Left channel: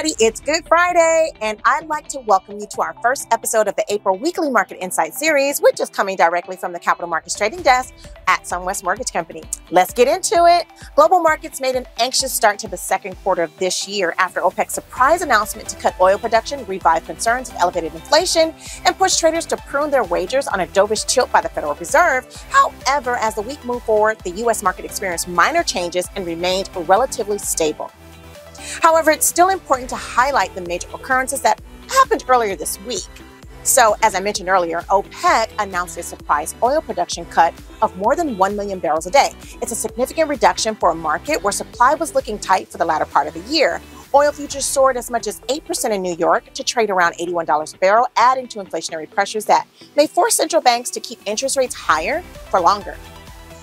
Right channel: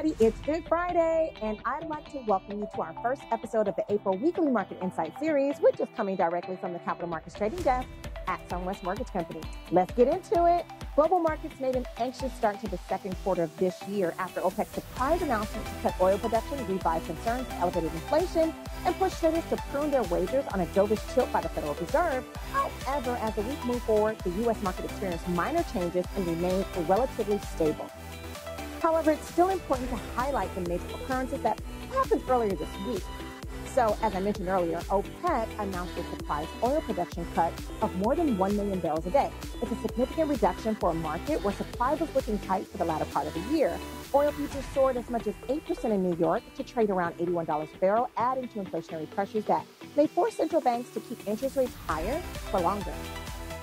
everybody, it's Good Friday, and I'd like to welcome you to our first episode of the April Weekly Market Insight Series, which is coming directly from the Capital Markets Trading Desk at SunWest Mortgage Company. Let's get into it. Global markets made an anxious start to the second quarter of this year after OPEC's surprise announcement to cut oil production revived concerns of elevated inflation and pushed traders to prune their wagers on a dovish tilt by the Federal Reserve. However, as the week moved forward, the U.S. market experienced minor changes and remained relatively stable. However, it's still important to highlight the major occurrences that happened earlier this week. So, as I mentioned earlier, OPEC announced a surprise oil production cut of more than 1 million barrels a day. It's a significant reduction for a market where supply was looking tight for the latter part of the year. Oil futures soared as much as 8% in New York to trade around $81 a barrel, adding to inflationary pressures that may force central banks to keep interest rates higher for longer.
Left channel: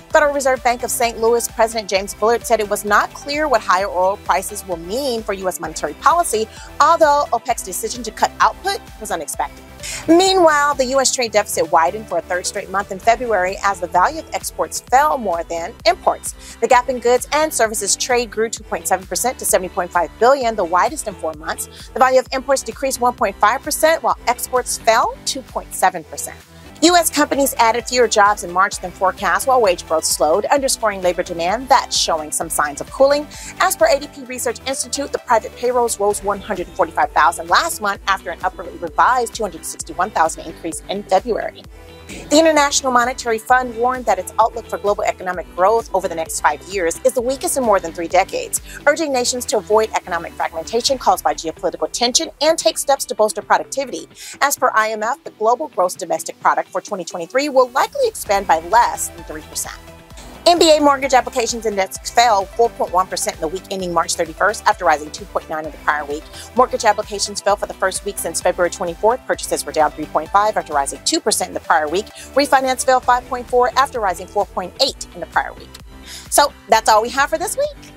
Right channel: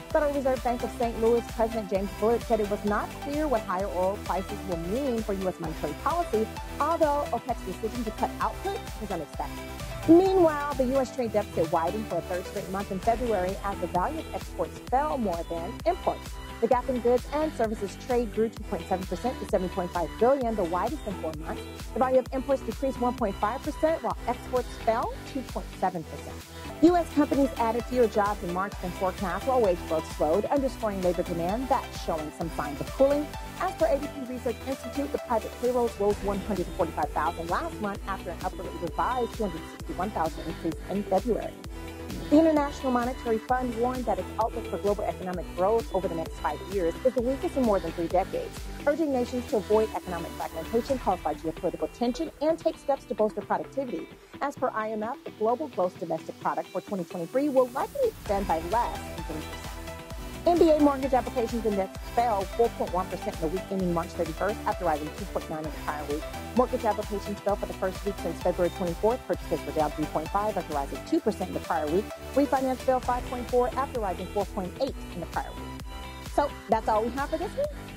Federal Reserve Bank of St. Louis President James Bullard said it was not clear what higher oil prices will mean for U.S. monetary policy, although OPEC's decision to cut output was unexpected. Meanwhile, the U.S. trade deficit widened for a third straight month in February as the value of exports fell more than imports. The gap in goods and services trade grew 2.7% to $70.5 billion, the widest in 4 months. The value of imports decreased 1.5%, while exports fell 2.7%. U.S. companies added fewer jobs in March than forecast, while wage growth slowed, underscoring labor demand that's showing some signs of cooling. As per ADP Research Institute, the private payrolls rose 145,000 last month after an upwardly revised 261,000 increase in February. The International Monetary Fund warned that its outlook for global economic growth over the next 5 years is the weakest in more than 3 decades, urging nations to avoid economic fragmentation caused by geopolitical tension and take steps to bolster productivity. As per IMF, the global gross domestic product for 2023 will likely expand by less than 3%. NBA mortgage applications index fell 4.1% in the week ending March 31st after rising 2.9% in the prior week. Mortgage applications fell for the first week since February 24th. Purchases were down 3.5% after rising 2% in the prior week. Refinance fell 5.4% after rising 4.8% in the prior week. So that's all we have for this week.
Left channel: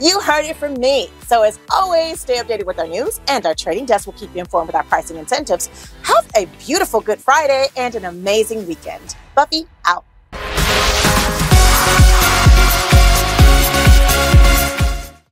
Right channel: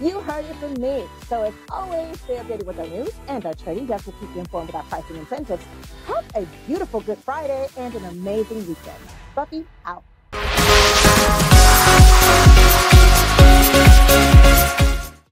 You heard it from me. So as always, stay updated with our news, and our trading desk will keep you informed with our pricing incentives. Have a beautiful Good Friday and an amazing weekend. Buffy out.